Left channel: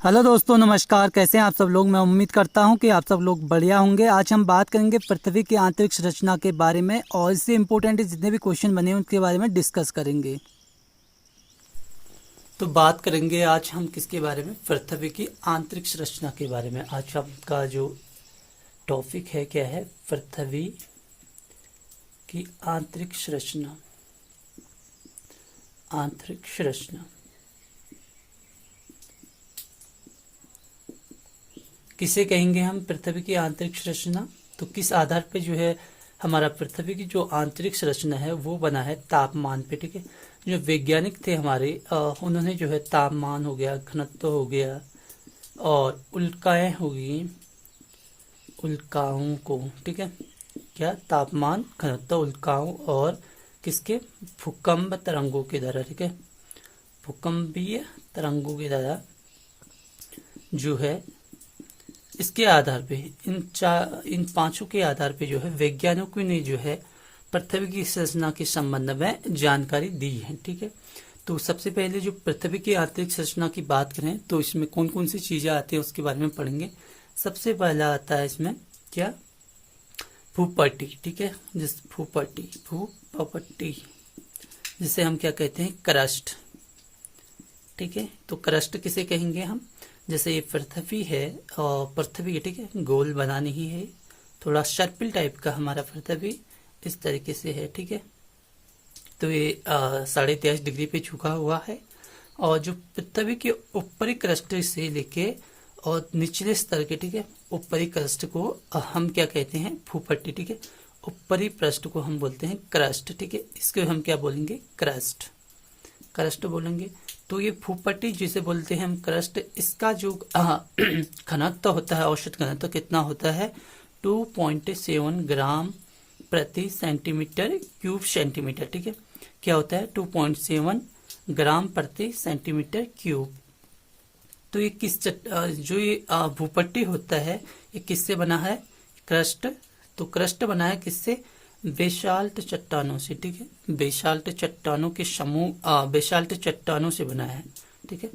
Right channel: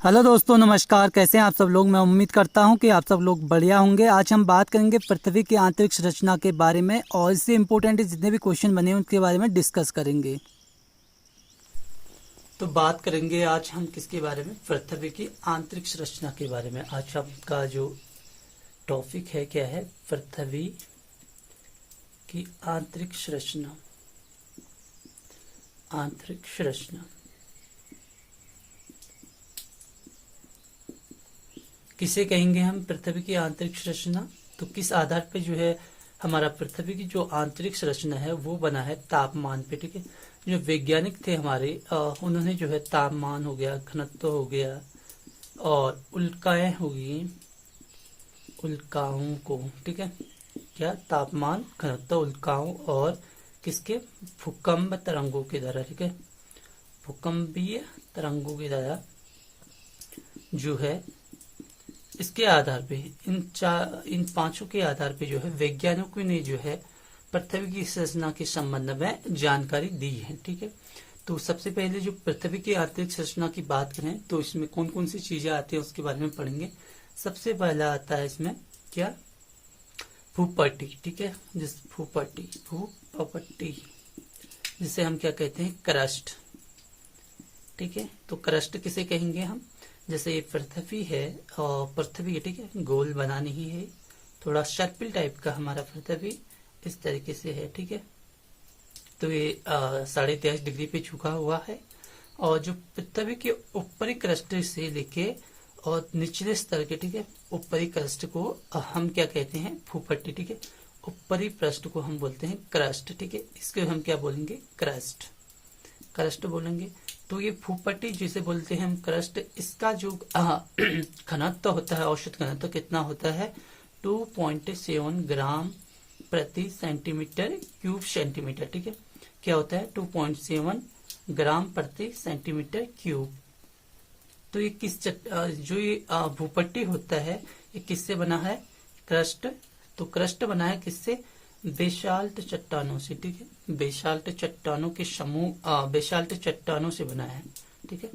Hello दोस्तों, नमस्कार। कैसे हैं आप सब लोग। मैं उम्मीद करता हूं कि आप सब लोग बढ़िया होंगे। आज हम बात करेंगे पृथ्वी की आंतरिक संरचना के बारे में और इससे इम्पोर्टेंट जितने भी क्वेश्चन बने हैं उनके बारे में डिस्कस करेंगे। तो बात करेंगे आज हम किसके बारे में, पृथ्वी की आंतरिक संरचना के बारे में। आज आपका जो टॉपिक है क्या है, पृथ्वी की आंतरिक संरचना। आंतरिक संरचना किसे कहेंगे हम, पृथ्वी की आंतरिक संरचना। तो किस आधार पे जो है हमारा पृथ्वी की जो आंतरिक संरचना है वो बना है तापमान पे। ठीक है, जो वैज्ञानिक थे हमारे उन्होंने जो है तापमान हो गया, घनत्व हो गया और उल्काएं हो गई, उल्काओं को, ठीक है, क्या तापमान, घनत्व, उल्काओं और किसके, भूकंप तरंगों के द्वारा, ठीक है, भूकंपीय तरंगों के द्वारा जो है इसके आधार पे इन पांचों के आधार पे जो है वैज्ञानिकों ने जो है पृथ्वी की संरचना के संबंध में जानकारी दी है। ठीक है, तो सबसे पहले जो पृथ्वी की आंतरिक संरचना की बात करें तो इसमें कौन कौन सी चीजें आती है उसके बारे में पढ़ेंगे। सबसे पहला आता है इसमें क्या, भूपट्टी। ठीक है, जिस भूपट्टी जिसे हम क्या कहते हैं, क्रस्ट। ठीक है, तो क्रस्ट किसे कहेंगे हम, जैसे ये पृथ्वी है और पृथ्वी, ठीक है, गोल बना नहीं है, थोड़ा सर्पिल टाइप का हमारा पृथ्वी इस तरीके से है। ठीक है, तो ये 23.5 डिग्री पे झुका हुआ है और जो पृथ्वी के ऊपरी क्रस्ट से लेके और निचले स्तर के, ठीक है, ऊपरी क्रस्ट को हम क्या कहते हैं, भूपट्टी। ठीक है, ऊपरी पृष्ठ को हम बोलते हैं क्रस्ट। ठीक है, इसको हम क्या बोलेंगे, क्रस्ट बोलेंगे। तो ये भूपट्टी जिसे बोलते हैं हम क्रस्ट, इसका जो घनत्व होता है, औसत घनत्व कितना होता है, 2.7 ग्राम प्रति सेंटीमीटर क्यूब सेंटीमीटर। ठीक है, क्या होता है, 2.7 ग्राम प्रति सेंटीमीटर क्यूब। तो ये जो ये भूपट्टी होता है ये किससे बना है, क्रस्ट। तो क्रस्ट बना है किससे, बेसाल्ट चट्टानों से। ठीक है, बेसाल्ट चट्टानों के समूह, बेसाल्ट चट्टानों से बना है। ठीक है,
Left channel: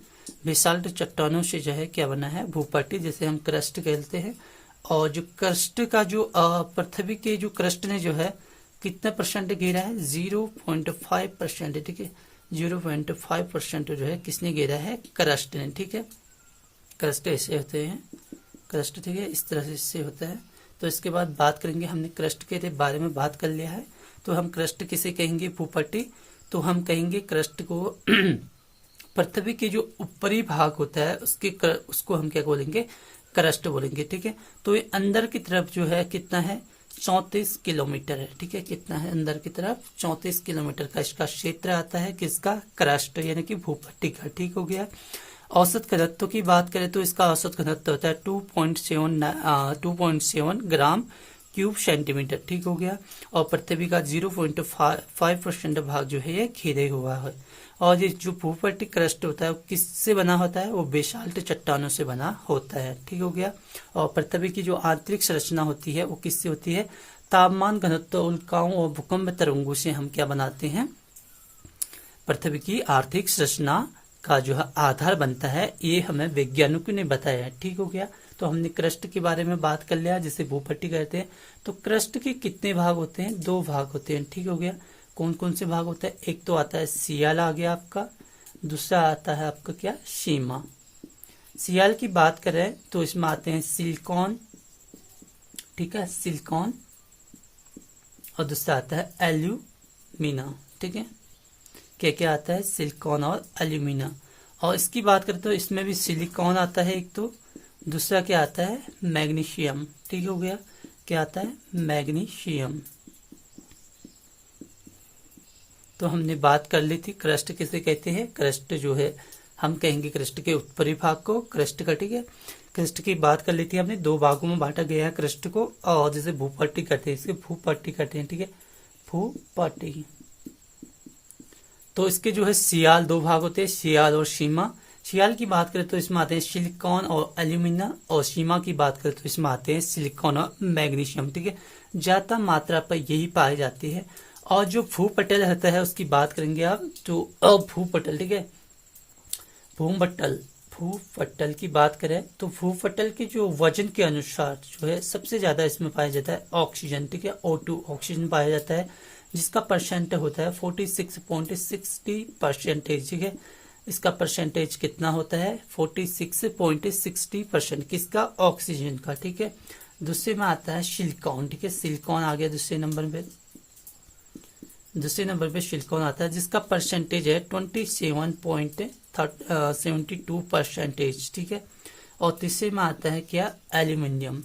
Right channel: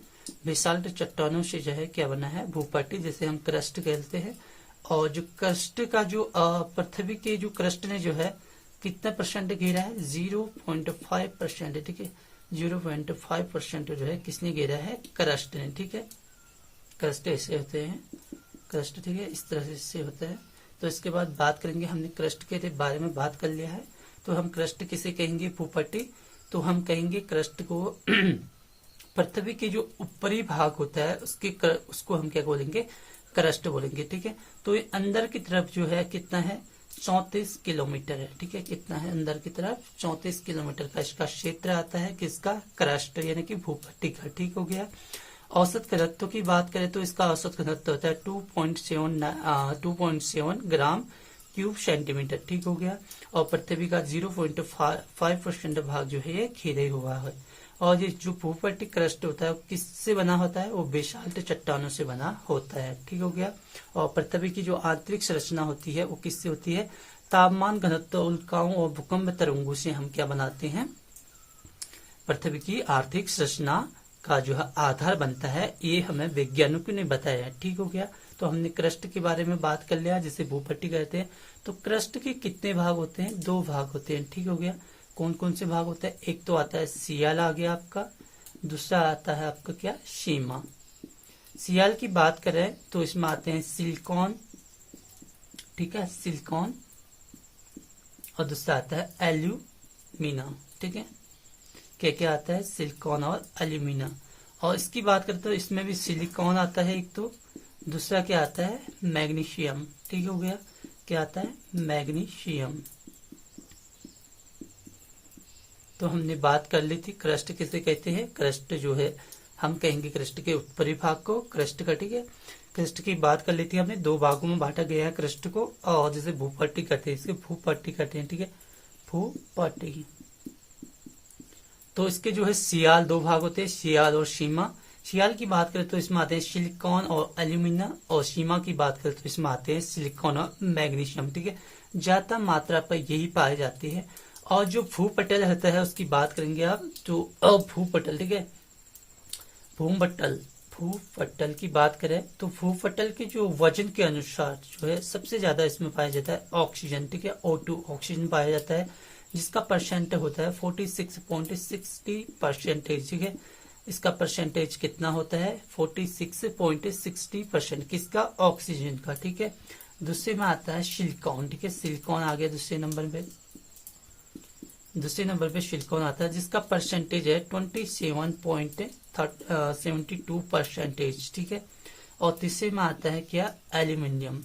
बेसाल्ट चट्टानों से जो है क्या बना है, भूपट्टी, जिसे हम क्रस्ट कहते हैं। और जो क्रस्ट का जो पृथ्वी के जो क्रस्ट ने जो है कितना परसेंट घेरा है, 0.5%। ठीक है, 0.5% जो है किसने घेरा है, क्रस्ट ने। ठीक है, क्रस्ट ऐसे होते हैं, क्रस्ट, ठीक है, इस तरह से होता है। तो इसके बाद बात करेंगे, हमने क्रस्ट के बारे में बात कर लिया है, तो हम क्रस्ट किसे कहेंगे, भूपट्टी। तो हम कहेंगे क्रस्ट को पृथ्वी के जो ऊपरी भाग होता है उसको हम क्या बोलेंगे, क्रस्ट बोलेंगे। ठीक है, तो ये अंदर की तरफ जो है कितना है, 34 किलोमीटर है। ठीक है, कितना है, अंदर की तरफ 34 किलोमीटर का इसका क्षेत्र आता है, किसका, क्रस्ट यानी कि भूपट्टी का। ठीक हो गया। औसत घनत्व की बात करें तो इसका औसत घनत्व होता है 2.7 ग्राम क्यूब सेंटीमीटर। ठीक हो गया। और पृथ्वी का 0.5% भाग जो है ये घेरे हुआ है। और ये जो भूपट्टी क्रस्ट होता है वो किससे बना होता है, वो बेसाल्ट चट्टानों से बना होता है। ठीक हो गया। और पृथ्वी की जो आंतरिक संरचना होती है वो किससे होती है, तापमान, घनत्व, उल्काओं और भूकंप तरंगों से हम क्या बनाते हैं, पृथ्वी की आर्थिक संरचना का जो है आधार बनता है। ये हमें वैज्ञानिकों ने बताया है। ठीक हो गया। तो हमने क्रस्ट के बारे में बात कर लिया, जिसे भूपट्टी कहते हैं। तो क्रस्ट के कितने भाग होते हैं, 2 भाग होते हैं। ठीक हो गया। कौन कौन से भाग होते हैं, एक तो आता है सियाल आ गया आपका, दूसरा आता है आपका क्या, सीमा। सियाल की बात करें तो इसमें आते हैं सिलिकॉन, ठीक है, सिलिकॉन, और दूसरा आता है एल्यूमिना। ठीक है, क्या क्या आता है, सिलिकॉन और एल्यूमिना। और इसकी बात करें तो इसमें भी सिलिकॉन आता है एक, तो दूसरा क्या आता है, मैग्नीशियम। ठीक हो गया, क्या आता है, मैग्नीशियम। तो हमने बात कर ली थी क्रस्ट किसे कहते हैं, क्रस्ट जो है हम कहेंगे क्रस्ट के ऊपरी भाग को क्रस्ट का। ठीक है, क्रस्ट की बात कर ली थी हमने, 2 भागों में बांटा गया है क्रस्ट को, और जैसे भूपट्टी कहते हैं, इसे भूपट्टी कहते हैं। ठीक है, भूपट्टी। तो इसके जो है सियाल 2 भाग होते हैं, सियाल और सीमा। सियाल की बात करें तो इसमें आते हैं सिलिकॉन और एल्यूमिना, और सीमा की बात करें तो इसमें आते हैं सिलिकॉन और मैग्नीशियम। ठीक है, ज्यादा मात्रा पर यही पाए जाते हैं। और जो भूपटल होता है उसकी बात करेंगे आप, तो भूपटल, ठीक है, भूमपटल भूपटल की बात करें तो भूपटल के जो वजन के अनुसार जो है सबसे ज्यादा इसमें पाया जाता है ऑक्सीजन, ठीक है, O2 ऑक्सीजन पाया जाता है, जिसका परसेंट होता है 46.60%, ठीक है। इसका परसेंटेज कितना होता है 46.60% किसका, ऑक्सीजन का, ठीक है। दूसरे में आता है सिलिकॉन, ठीक है, सिलिकॉन आ गया दूसरे नंबर पे सिलिकॉन आता है, जिसका परसेंटेज है 27.72%, ठीक है। और तीसरे में आता है क्या, एल्यूमिनियम,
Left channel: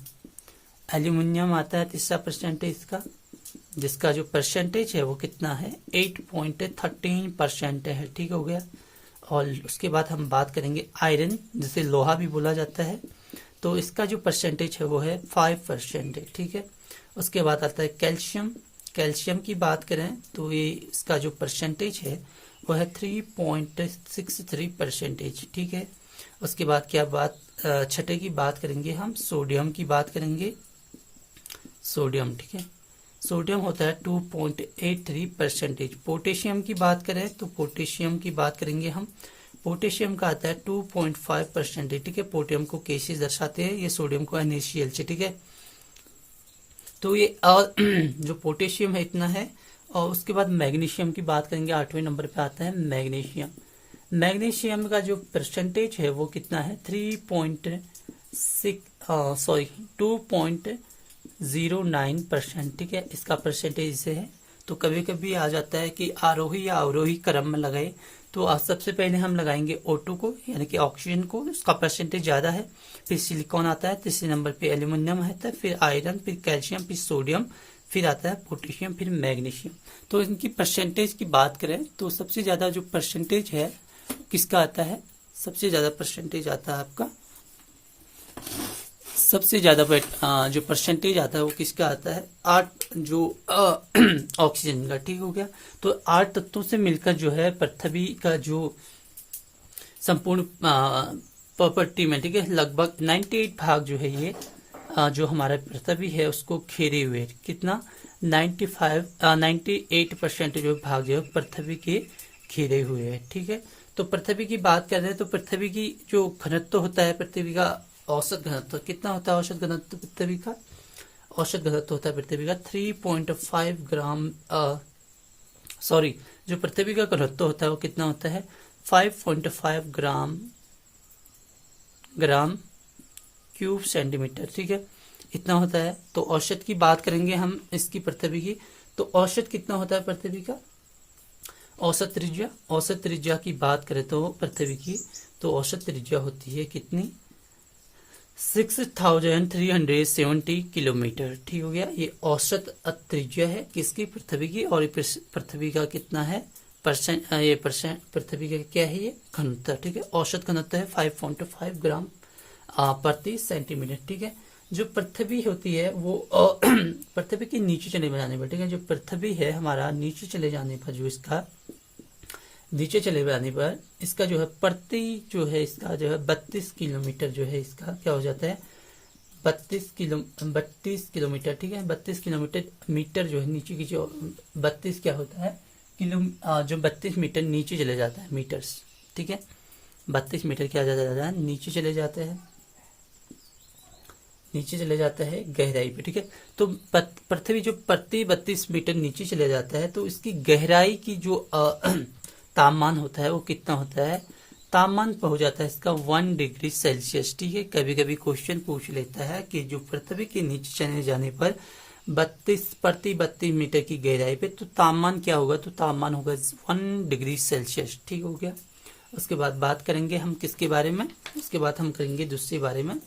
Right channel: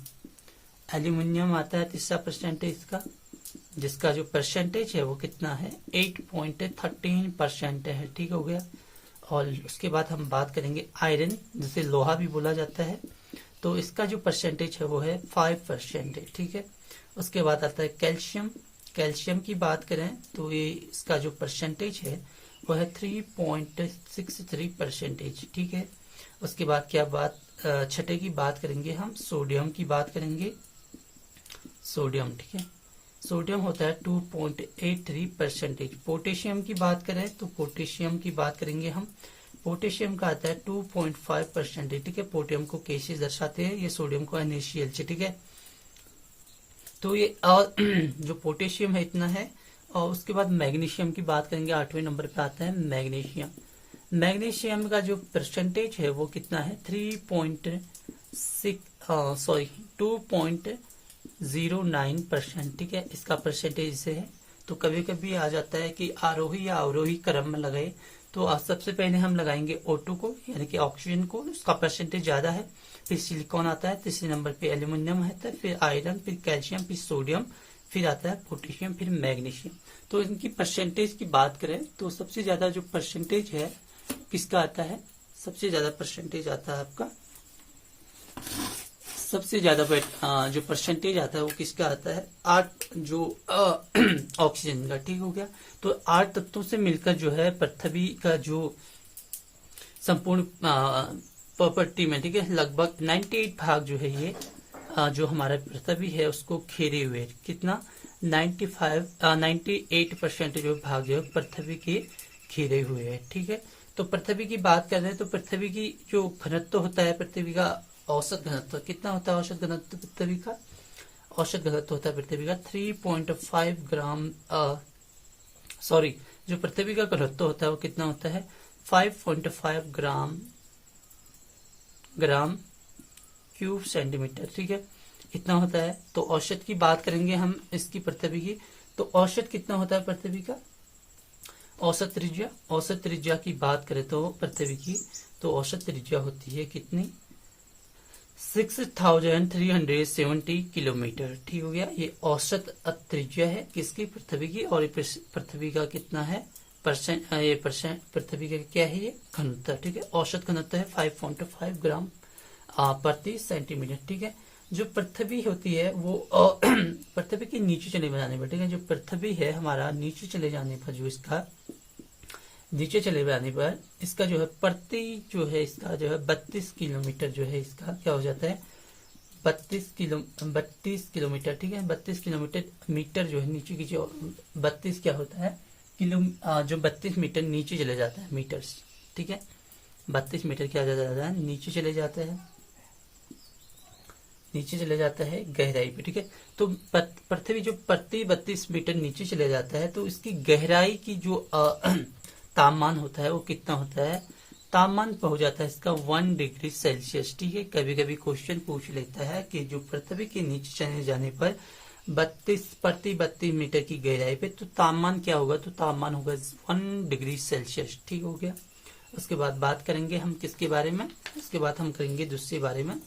एल्यूमिनियम आता है तीसरा परसेंटेज का, जिसका जो परसेंटेज है वो कितना है 8.13% है, ठीक हो गया। और उसके बाद हम बात करेंगे आयरन, जिसे लोहा भी बोला जाता है, तो इसका जो परसेंटेज है वो है 5% है, ठीक है। उसके बाद आता है कैल्शियम, कैल्शियम की बात करें तो ये इसका जो परसेंटेज है वो है 3.63%, ठीक है। उसके बाद क्या बात, छठे की बात करेंगे हम, सोडियम की बात करेंगे, सोडियम, ठीक है, सोडियम होता है 2.83%। पोटेशियम की बात करें तो पोटेशियम की बात करेंगे हम, पोटेशियम का आता है 2.5%, ठीक है। पोटेशियम को कैसे दर्शाते हैं, ये सोडियम को NaCl से, ठीक है। तो ये जो पोटेशियम है इतना है। और उसके बाद मैग्नीशियम की बात करेंगे, 8वें नंबर पे आता है मैग्नीशियम। मैग्नीशियम का जो परसेंटेज है वो कितना है 2.09%, ठीक है। इसका परसेंटेज से है। तो कभी कभी आ जाता है कि आरोही या अवरोही क्रम में लगाए, तो आज सबसे पहले हम लगाएंगे O2 को, यानी कि ऑक्सीजन को, उसका परसेंटेज ज्यादा है, फिर सिलिकॉन आता है, तीसरे नंबर पे एल्यूमिनियम आता है, फिर आयरन, फिर कैल्शियम, फिर सोडियम, फिर आता है पोटेशियम, फिर मैग्नीशियम। तो इनकी परसेंटेज की बात करें तो सबसे ज्यादा जो परसेंटेज है किसका आता है, सबसे ज्यादा परसेंटेज आता है आपका, सबसे ज्यादा जो परसेंटेज आता है वो किसका आता है, 8 जो ऑक्सीजन का, ठीक हो गया। तो 8 तत्वों से मिलकर जो है पृथ्वी का जो संपूर्ण प्रॉपर्टी में, ठीक है, लगभग 98 भाग जो है ये जो हमारा पृथ्वी है उसको घेरे हुए, कितना 98% जो भाग जो है पृथ्वी के घेरे हुए है, ठीक है। तो पृथ्वी की बात कर रहे हैं तो पृथ्वी की जो घनत्व होता है, पृथ्वी का औसत घनत्व कितना होता है, औसत घनत्व पृथ्वी का, औसत घनत्व होता है पृथ्वी का 3.5 ग्राम, सॉरी, जो पृथ्वी का घनत्व होता है वो कितना होता है 5.5 ग्राम क्यूब सेंटीमीटर, ठीक है, इतना होता है। तो औसत की बात करेंगे हम इसकी पृथ्वी की, तो औसत कितना होता है पृथ्वी का, औसत त्रिज्या की बात करें तो पृथ्वी की, तो औसत त्रिज्या होती है कितनी 6370 किलोमीटर, ठीक हो गया। ये औसत त्रिज्या है किसकी, पृथ्वी की। और पृथ्वी का कितना है पृथ्वी का क्या है ये घनत्व, ठीक है, औसत घनत्व है 5.5 ग्राम प्रति सेंटीमीटर, ठीक है। जो पृथ्वी होती है वो पृथ्वी के नीचे चले जाने पर, ठीक है, जो पृथ्वी है हमारा नीचे चले जाने पर, जो इसका नीचे चले जाने पर इसका जो है इसका जो है 32 किलोमीटर जो है इसका क्या हो जाता है 32 किलोमीटर, ठीक है, 32 किलोमीटर मीटर जो है नीचे की जो 32 क्या होता है जो 32 मीटर नीचे चले जाता है मीटर्स, ठीक है, 32 मीटर क्या जाता है नीचे चले जाता है गहराई पे, ठीक है। तो पृथ्वी जो प्रति 32 मीटर नीचे चले जाता है तो इसकी गहराई की जो तापमान होता है वो कितना होता है, तापमान हो जाता है इसका 1 डिग्री सेल्सियस, ठीक है। कभी कभी क्वेश्चन पूछ लेता है कि जो पृथ्वी के नीचे चले जाने पर 32 मीटर की गहराई पे तो तापमान क्या होगा, तो तापमान होगा 1 डिग्री सेल्सियस, ठीक हो गया। उसके बाद बात करेंगे हम किसके बारे में, उसके बाद हम करेंगे दूसरे बारे में,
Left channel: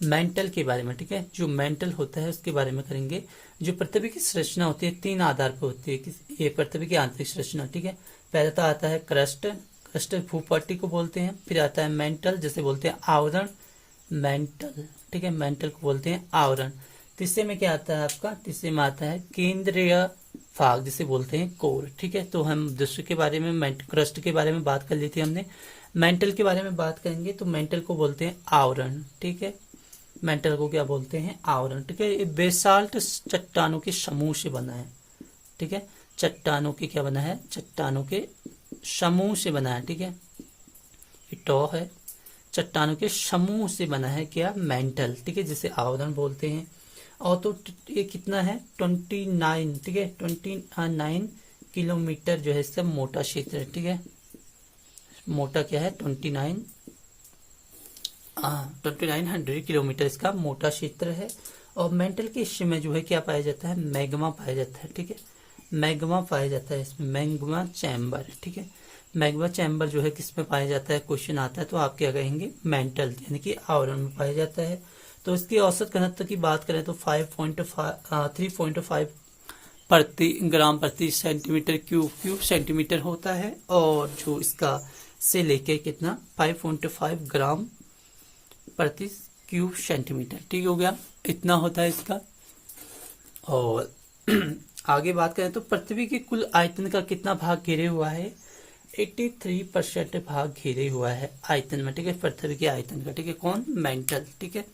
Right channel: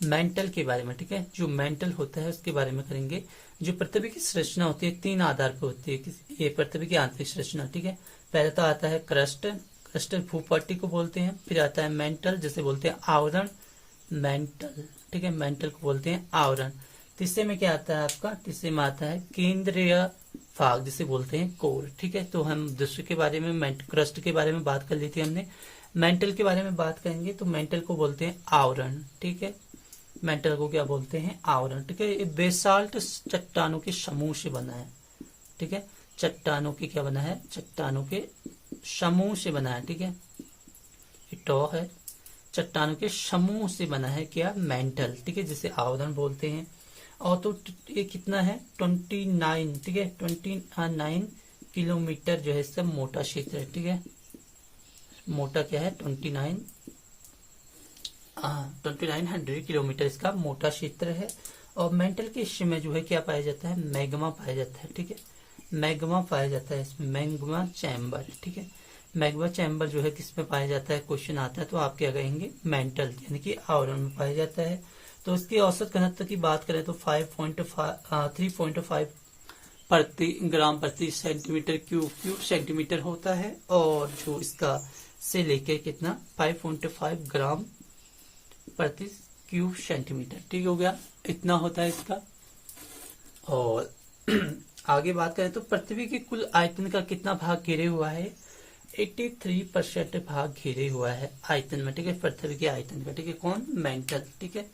मेंटल के बारे में, ठीक है। जो मेंटल होता है उसके बारे में करेंगे। जो पृथ्वी की संरचना होती है 3 आधार पर होती है, ये पृथ्वी की आंतरिक संरचना, ठीक है। पहले तो आता है क्रस्ट भूपट्टी को बोलते हैं, फिर आता है मेंटल जिसे बोलते हैं आवरण, मेंटल, ठीक है, मेंटल को बोलते हैं आवरण। तीसरे में क्या आता है आपका, तीसरे में आता है केंद्रीय भाग जिसे बोलते हैं कोर, ठीक है। तो हम दूसरे के बारे में क्रस्ट के बारे में बात कर ली थी हमने, मेंटल के बारे में बात करेंगे तो मेंटल को बोलते हैं आवरण, ठीक है, मेंटल को क्या बोलते हैं आवरण, ठीक है। ये बेसाल्ट चट्टानों के समूह से बना है, ठीक है, चट्टानों के क्या बना है, चट्टानों के समूह से बना है, ठीक है। ये टॉ है, चट्टानों के समूह से बना है क्या, मेंटल, ठीक है, जिसे आवरण बोलते हैं। और तो ये कितना है 29, ठीक है, 29 किलोमीटर जो है इससे मोटा क्षेत्र है, ठीक है, मोटा क्या है 2900 किलोमीटर इसका मोटा क्षेत्र है। और मेंटल के हिस्से में जो है क्या पाया जाता है, मैग्मा पाया जाता है, ठीक है, मैग्मा पाया जाता है इसमें, मैग्मा चैम्बर, ठीक है। मैग्मा चैम्बर जो है किस में पाया जाता है, क्वेश्चन आता है तो आप क्या कहेंगे, मेंटल यानी कि आवरण में पाया जाता है। तो इसकी औसत घनत्व की बात करें तो 3.5 प्रति ग्राम प्रति सेंटीमीटर क्यूब सेंटीमीटर होता है। और जो इसका से लेके कितना 5.5 ग्राम प्रति क्यूब सेंटीमीटर, ठीक हो गया, इतना होता है इसका। और आगे बात करें तो पृथ्वी के कुल आयतन का कितना भाग घेरे हुआ है, 83% भाग घेरे हुआ है आयतन में, ठीक है, पृथ्वी के आयतन का, ठीक है, कौन, मेंटल, ठीक है।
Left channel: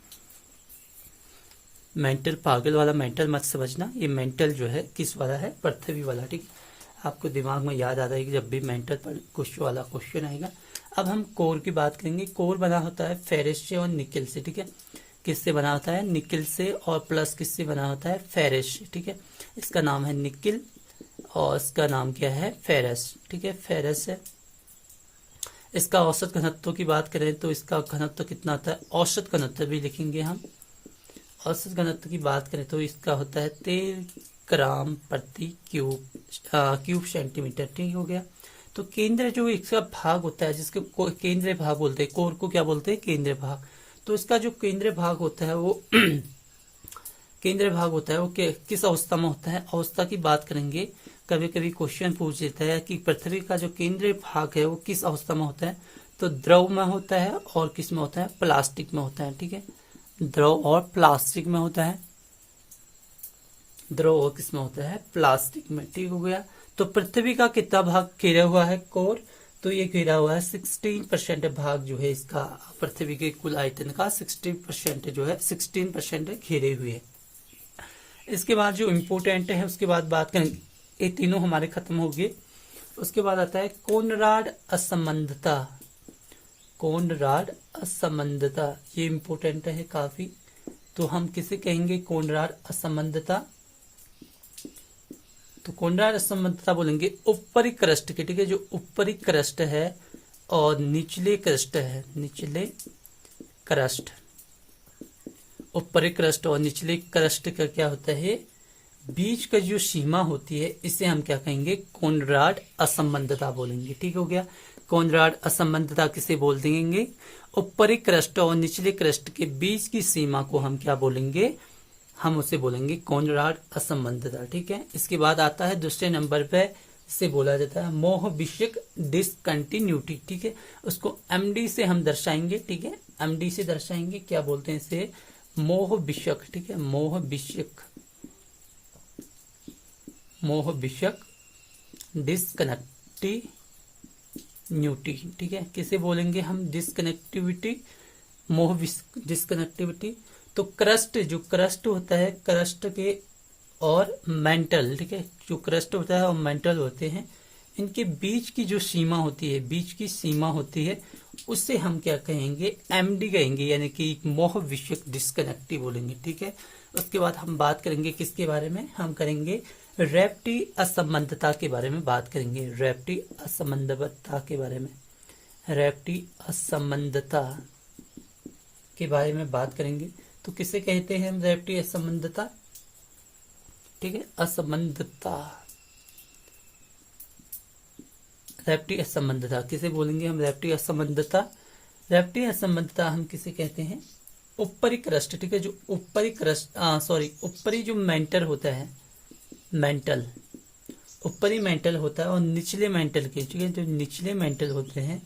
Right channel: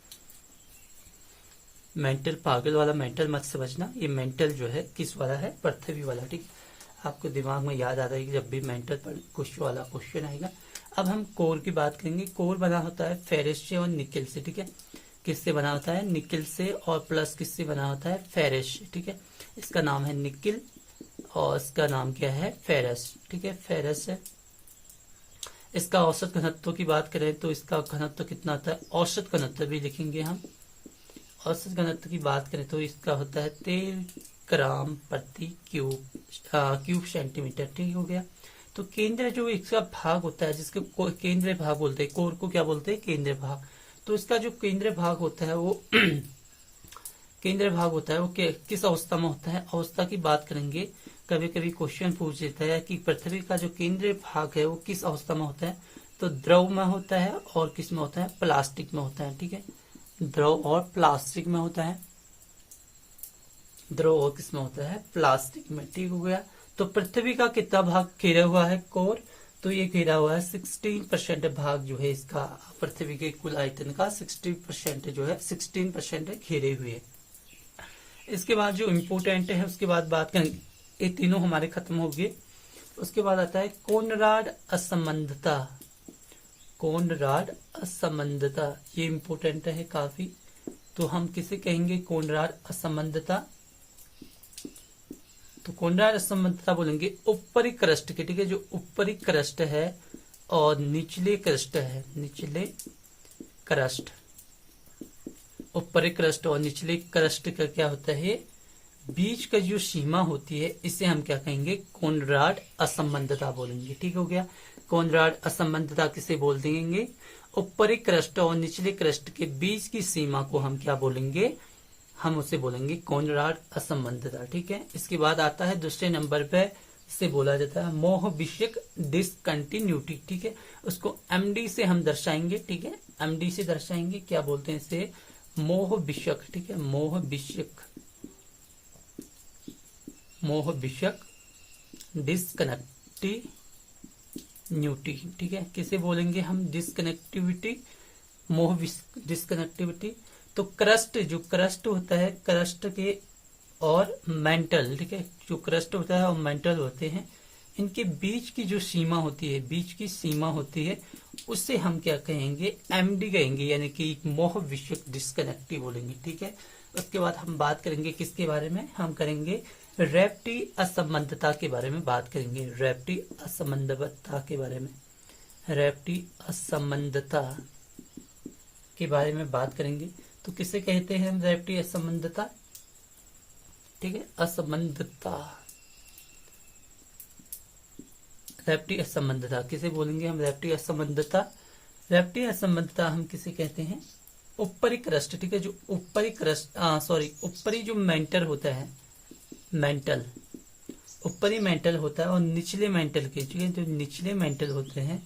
मेंटल पागल वाला मेंटल मत समझना, ये मेंटल जो है किस वाला है, पृथ्वी वाला, ठीक है, आपको दिमाग में याद आ जाएगी जब भी मेंटल पर कुछ वाला क्वेश्चन आएगा। अब हम कोर की बात करेंगे। कोर बना होता है फेरस से और निकल से, ठीक है, किससे बना होता है, निकल से, और प्लस किससे बना होता है, फेरस, ठीक है, इसका नाम है निकल और इसका नाम क्या है, फेरस, ठीक है, फेरस है। इसका औसत घनत्व की बात करें तो इसका घनत्व कितना आता है, औसत घनत्व भी लिखेंगे हम। औसत घनत्व की बात करें तो इसका होता है 13 ग्राम प्रति क्यूब सेंटीमीटर, ठीक हो गया। तो केंद्र जो इसका भाग होता है, जिसको केंद्रीय भाग बोलते हैं, कोर को क्या बोलते हैं, केंद्रीय भाग। तो इसका जो केंद्रीय भाग होता है वो केंद्रीय भाग होता है वो किस अवस्था में होता है, अवस्था की बात करेंगे। कभी कभी क्वेश्चन पूछ देता है कि पृथ्वी का जो केंद्रीय भाग है वो किस अवस्था में होता है, तो द्रव में होता है और किस में होता है, प्लास्टिक में होता है, ठीक है, द्रव और प्लास्टिक में होता है, द्रव और किस में होता है, प्लास्टिक में, ठीक हो गया। तो पृथ्वी का कितना भाग घेरा हुआ है कोर, तो ये घेरा हुआ है 16% भाग जो है इसका, पृथ्वी के कुल आयतन का 16% जो है 16% घेरे हुए है। इसके बाद जो इम्पोर्टेंट है उसके बाद बात करेंगे, ये तीनों हमारे खत्म हो गए। उसके बाद आता है कोनराड असंबंधता, कोनराड असंबंधता, ये इम्पोर्टेंट है काफी। तो हम किसे कहेंगे, कोनराड असंबंधता। तो कोनराड असंबंधता बोलेंगे ऊपरी क्रस्ट के, ठीक है, जो ऊपरी क्रस्ट है और निचले क्रस्ट है, निचले क्रस्ट, ऊपरी क्रस्ट और निचले क्रस्ट का क्या होता है, बीच का जो सीमा होती है इसे हम क्या कहेंगे, कोनराड असंबंधता बोलेंगे, ठीक हो गया। कोनराड असंबंधता किसे बोल देंगे, ऊपरी क्रस्ट और निचले क्रस्ट के बीच की सीमा को हम क्या बोलेंगे, हम उसे बोलेंगे कोनराड असंबंधता, ठीक है। इसके बाद आता है दूसरे नंबर पे, इसे बोला जाता है मोह विषयक डिसकंटिन्यूटी, ठीक है, उसको एमडी से हम दर्शाएंगे, ठीक है, एमडी से दर्शाएंगे, क्या बोलते हैं इसे, मोह विषयक, ठीक है, मोह विषयक, मोह विषयक डिसकनेक्टिविटी, ठीक है, किसे बोलेंगे हम, डिसकनेक्टिविटी, मोह डिसकनेक्टिविटी। तो क्रस्ट, जो क्रस्ट होता है, क्रस्ट के और मेंटल, ठीक है, जो क्रस्ट होता है और मेंटल होते हैं, इनके बीच की जो सीमा होती है, बीच की सीमा होती है, उससे हम क्या कहेंगे, एमडी कहेंगे, यानी कि मोह विषयक डिस्कनेक्टिव बोलेंगे, ठीक है। उसके बाद हम बात करेंगे किसके बारे में, हम करेंगे रेप्टी असंबंधता के बारे में बात करेंगे, रेप्टी असंबंधता के बारे में, रेप्टी असंबंधता के बारे में बात करेंगे। तो किसे कहते हैं हम, रेप्टी असंबंधता, ठीक है, असंबंधता, रेप्टी असंबंधता किसे बोलेंगे हम, रेप्टी असंबंधता। रेप्टी असंबंधता हम किसे कहते हैं, ऊपरी क्रस्ट, ठीक है, जो ऊपरी क्रस्ट, ऊपरी जो मेंटल होता है, मेंटल, ऊपरी मेंटल होता है और निचले मेंटल के, ठीक है, जो निचले मेंटल होते हैं,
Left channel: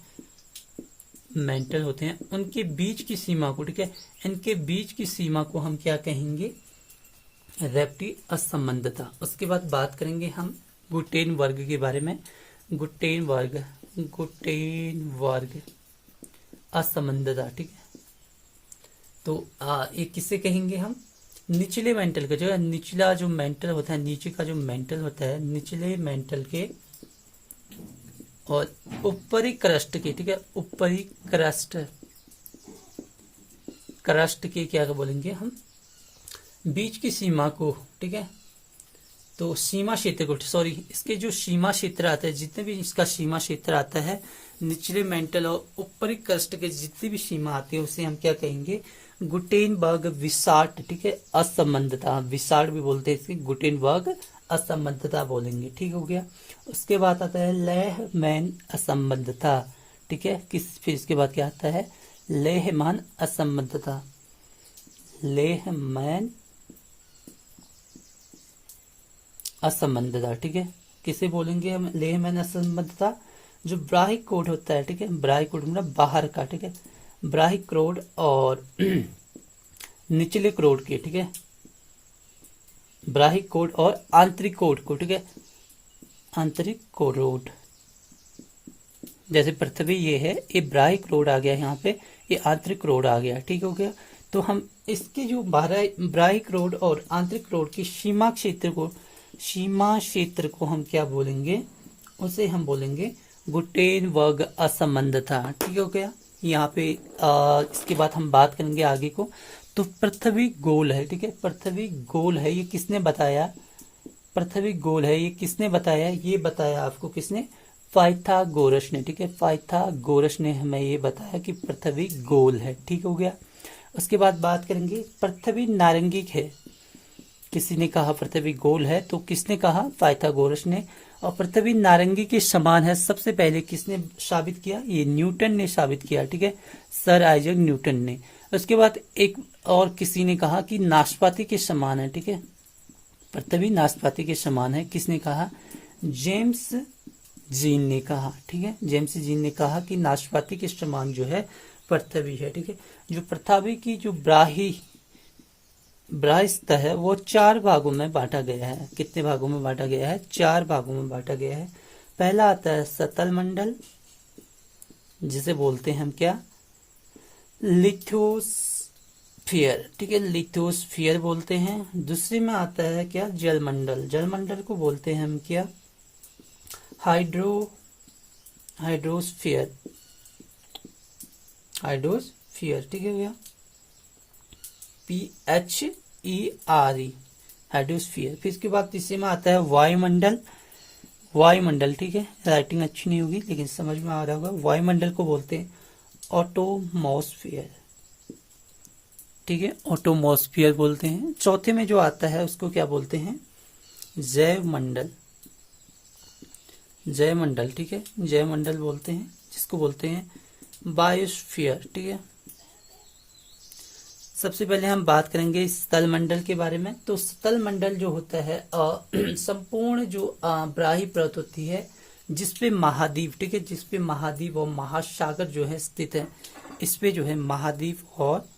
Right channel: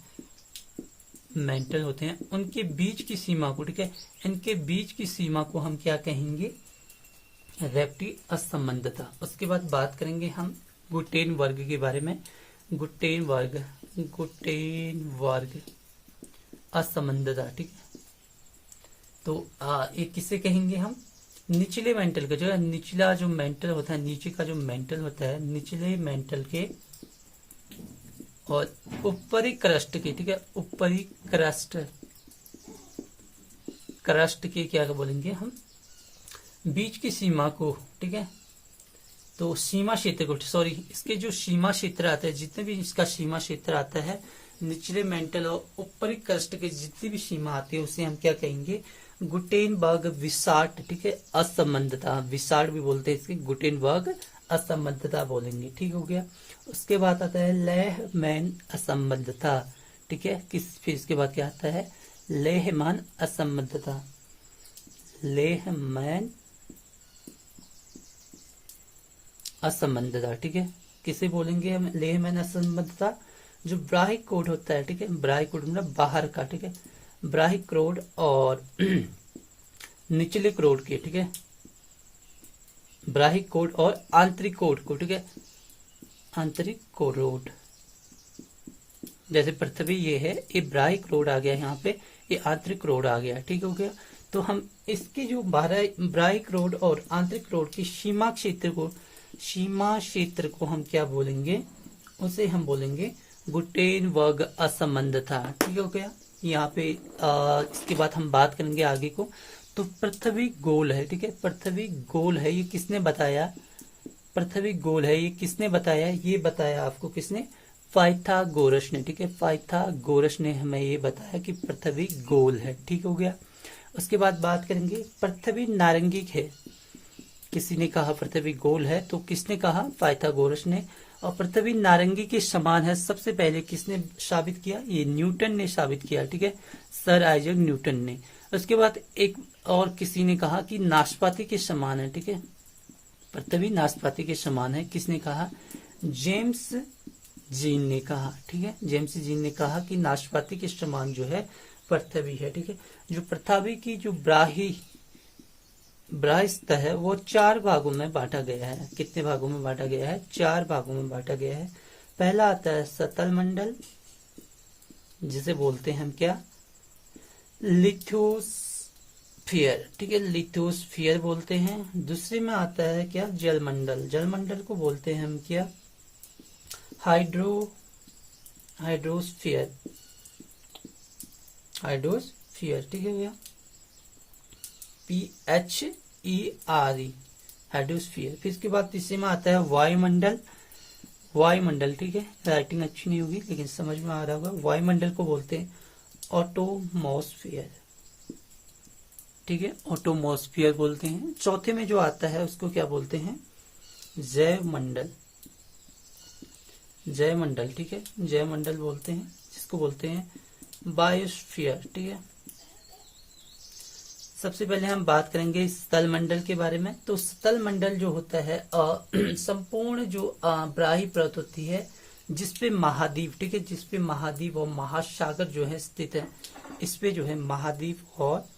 मेंटल होते हैं, उनके बीच की सीमा को, ठीक है, इनके बीच की सीमा को हम क्या कहेंगे, रेप्टी असंबंधता। उसके बाद बात करेंगे हम गुटेन वर्ग के बारे में, गुटेन वर्ग, गुटेन वर्ग असंबंधता, ठीक है। तो ये किसे कहेंगे हम, निचले मेंटल का, जो निचला जो मेंटल होता है, नीचे का जो मेंटल होता है, निचले मेंटल के और ऊपरी क्रस्ट के, ठीक है, ऊपरी क्रस्ट क्रस्ट के क्या बोलेंगे हम, बीच की सीमा को, ठीक है। तो सीमा क्षेत्र को, सॉरी, इसके जो सीमा क्षेत्र आता है, जितने भी इसका सीमा क्षेत्र आता है, निचले मेंटल और ऊपरी क्रस्ट के जितनी भी सीमा आती है उसे हम क्या कहेंगे, गुटेनबर्ग विसार्ट, ठीक है, असंबद्धता, विसार्ट भी बोलते हैं इसकी, गुटेनबर्ग असंबद्धता बोलेंगे, ठीक हो गया। उसके बाद आता है लेहमैन असंबद्धता, ठीक है। फिर इसके बाद क्या आता है, लेहमैन असंबद्धता, लेहमैन असंबद्धता, ठीक है। किसे बोलेंगे हम लेहमैन असंबद्धता, जो ब्राहिक कोड होता है, ठीक है, ब्राहिक कोड मतलब बाहर का, ठीक है, ब्राहिक कोड और निचले कोड के, ठीक है, ब्राहिक कोड और आंतरिक कोड को, ठीक है, आंतरिक कोड, जैसे पृथ्वी ये है, ये ब्राहिक कोड आ गया यहाँ पे, ये आंतरिक कोड आ गया, ठीक हो गया। तो हम इसके जो ब्राहिक कोड और आंतरिक कोड की सीमा क्षेत्र को हम क्या बोलेंगे, उसे हम बोलेंगे गुटेनबर्ग असंबद्धता, ठीक हो गया। यहाँ पे इसके बाद हम बात करेंगे आगे को। तो पृथ्वी गोल है, ठीक है, पृथ्वी गोल है, ये किसने बताया, पृथ्वी गोल है ये किसने बताया, ये बताया आपको किसने, पाइथागोरस ने, ठीक है, पाइथागोरस ने हमें ये बताया कि पृथ्वी गोल है, ठीक हो गया। उसके बाद बात करेंगे पृथ्वी नारंगी है, किसी ने कहा पृथ्वी गोल है, तो किसने कहा, पाइथागोरस ने। और पृथ्वी नारंगी के समान है, सबसे पहले किसने साबित किया, ये न्यूटन ने साबित किया, ठीक है, सर आइजैक न्यूटन ने। उसके बाद एक और किसी ने कहा कि नाशपाती के समान है, ठीक है, पृथ्वी नाशपाती के समान है, किसने कहा, जेम्स जीन ने कहा, ठीक है, जेम्स जीन ने कहा कि नाशपाती के समान जो है पृथ्वी है, ठीक है। जो पृथ्वी की जो ब्राह्य सतह है वो 4 भागों में बांटा गया है, कितने भागों में बांटा गया है, 4 भागों में बांटा गया है। पहला आता है सतल मंडल, जिसे बोलते हैं हम क्या, लिथोस्फीयर, ठीक है, लिथोस्फीयर बोलते हैं। दूसरे में आता है क्या, जलमंडल, जलमंडल को बोलते हैं हम क्या, हाइड्रोस्फीयर, ठीक है भैया, PHERE, हाइड्रोस्फीयर। फिर इसके बाद तीसरे में आता है वायुमंडल, ठीक है, राइटिंग अच्छी नहीं होगी लेकिन समझ में आ रहा होगा। वायुमंडल को बोलते हैं ऑटोमॉस्फियर, ठीक है, ऑटोमॉस्फियर बोलते हैं। चौथे में जो आता है उसको क्या बोलते हैं, जयमंडल, ठीक है, जयमंडल बोलते हैं, जिसको बोलते हैं बायोस्फीयर, ठीक है। सबसे पहले हम बात करेंगे स्थल मंडल के बारे में। तो स्थल मंडल जो होता है संपूर्ण जो ब्राह्य परत होती है, जिसपे महाद्वीप, ठीक है, जिसपे महाद्वीप और महासागर जो है स्थित है, इस पे जो है महाद्वीप और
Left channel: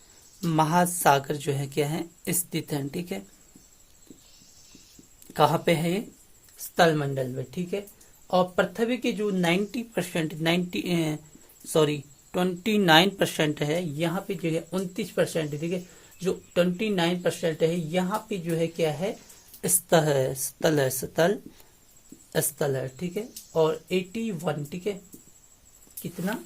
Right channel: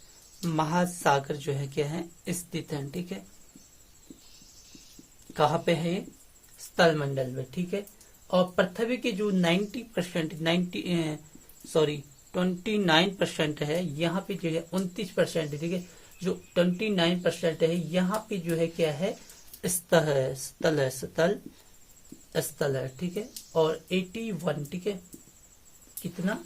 महासागर जो है क्या है, स्थित है, ठीक है। कहाँ पे है ये, स्थल मंडल में, ठीक है। और पृथ्वी के जो 29% है, यहाँ पे जो है 29%, ठीक है, जो 29% है यहाँ पे जो है क्या है, स्थल है, ठीक है। और 81, ठीक है, कितना,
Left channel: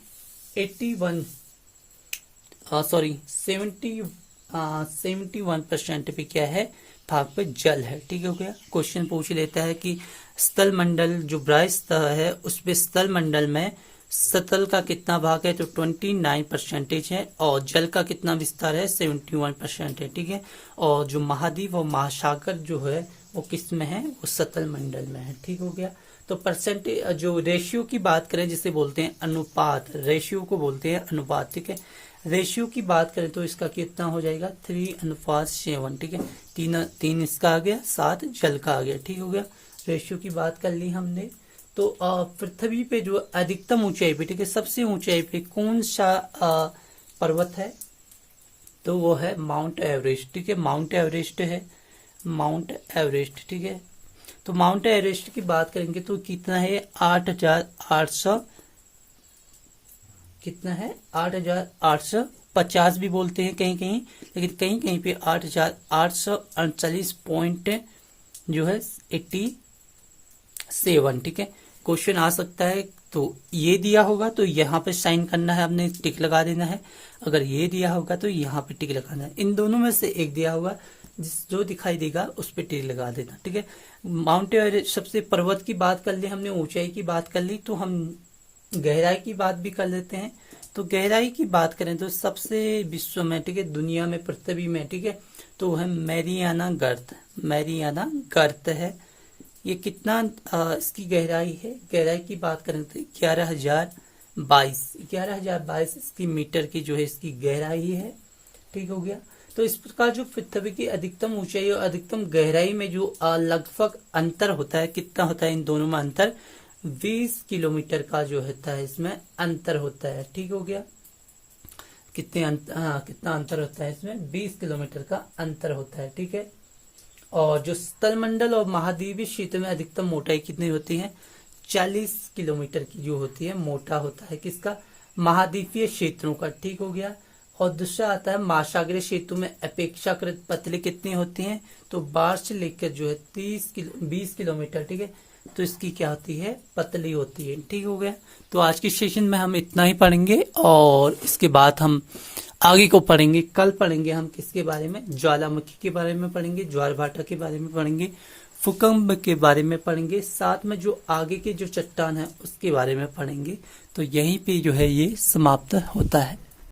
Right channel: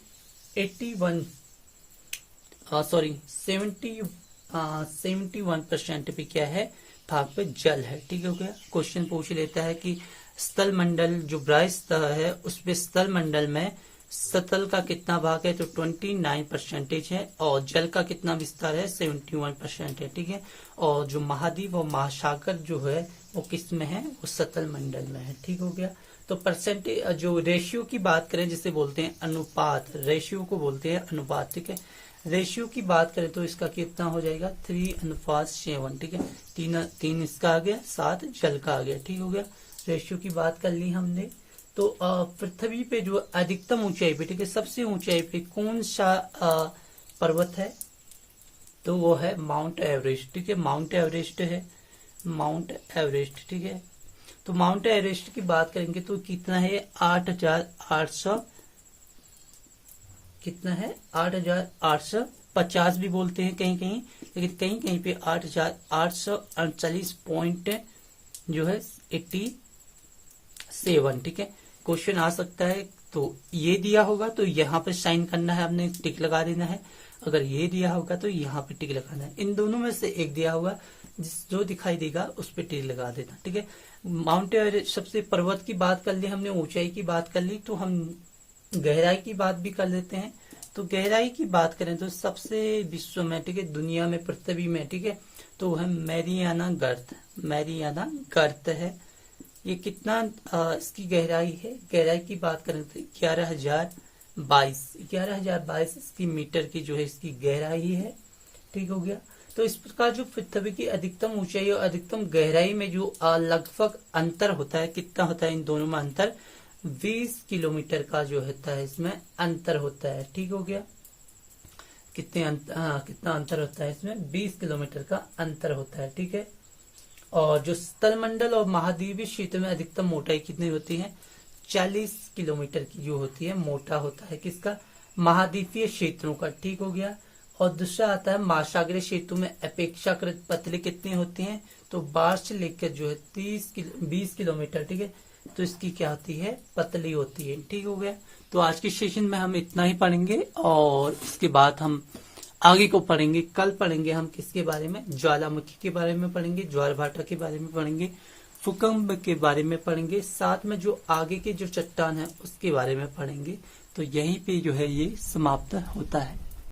71% पे क्या है, भाग पे जल है, ठीक हो गया। क्वेश्चन पूछ लेता है कि स्थल मंडल जो ब्राह्य सतह है उसपे स्थल मंडल में सतल का कितना भाग है, तो 29% है, और जल का कितना विस्तार है, 71% है, ठीक है। और जो महाद्वीप और महासागर जो है वो किस में है, वो सतल मंडल में है, ठीक हो गया। तो परसेंटेज जो रेशियो की बात करें, जिसे बोलते हैं अनुपात, रेशियो को बोलते हैं अनुपात, ठीक है। रेशियो की बात करें तो इसका कितना हो जाएगा, 3:7, ठीक है, 3 इसका आ गया, 7 जल का आ गया, ठीक हो गया। रेशियो की बात कर ली हमने। तो पृथ्वी पे जो अधिकतम ऊंचाई पे, ठीक है, सबसे ऊंचाई पे कौन सा पर्वत है, तो वो है माउंट एवरेस्ट, ठीक है, माउंट एवरेस्ट है, माउंट एवरेस्ट, ठीक है। तो माउंट एवरेस्ट की बात करेंगे तो कितना है, 8,800, कितना है, 8,850 भी बोलते हैं कहीं कहीं, लेकिन कहीं कहीं पे 8,839 पॉइंट जो है 87, ठीक है। क्वेश्चन आ सकता है, तो ये दिया होगा तो यहाँ पे साइन करना है, हमने टिक लगा देना है। अगर ये दिया होगा तो यहाँ पे टिक लगाना है। इन दोनों में से एक दिया होगा, जो दिखाई देगा उस पे टिक लगा देना। ठीक है, माउंट एवरेस्ट सबसे पर्वत की बात कर ली हमने, ऊंचाई की बात कर ली, तो हम गहराई की बात भी कर लेते हैं। तो गहराई की बात करें तो सबसे विश्व में, ठीक है, दुनिया में, पृथ्वी में, ठीक है, तो है मैरियाना गर्त। मैरियाना गर्त है। ये कितना इसकी गहराई है, गहराई की बात करें तो 11,022 इसकी मीटर की जो है इसकी गहराई है। ठीक हो गया। तो इस प्रकार जो पृथ्वी की अधिकतम ऊंचाई और अधिकतम गहराई में जो लगभग अंतर होता है, कितना होता है इन दोनों में अंतर, 20 किलोमीटर का जो होता है इसमें अंतर होता है। ठीक हो गया। कितना अंतर होता है इसमें, 20 किलोमीटर का अंतर होता है। ठीक है। और जो स्थलमंडल और महाद्वीपीय क्षेत्र में अधिकतम मोटाई कितनी होती है, 40 किलोमीटर की जो होती है, मोटा होता है किसका, महाद्वीपीय क्षेत्रों का। ठीक हो गया। और दूसरा आता है महासागरीय क्षेत्रों में अपेक्षाकृत पतली कितनी होती हैं, तो 12 से लेकर जो है 20 किलोमीटर, ठीक है, तो इसकी क्या होती है, पतली होती है। ठीक हो गया। तो आज के सेशन में हम इतना ही पढ़ेंगे और इसके बाद हम आगे को पढ़ेंगे। कल पढ़ेंगे हम किसके बारे में, ज्वालामुखी के बारे में पढ़ेंगे, ज्वार भाटा के बारे में पढ़ेंगे, भूकंप के बारे में पढ़ेंगे, साथ में जो आगे के जो चट्टान है उसके बारे में पढ़ेंगे। तो यहीं पे जो है ये समाप्त होता है।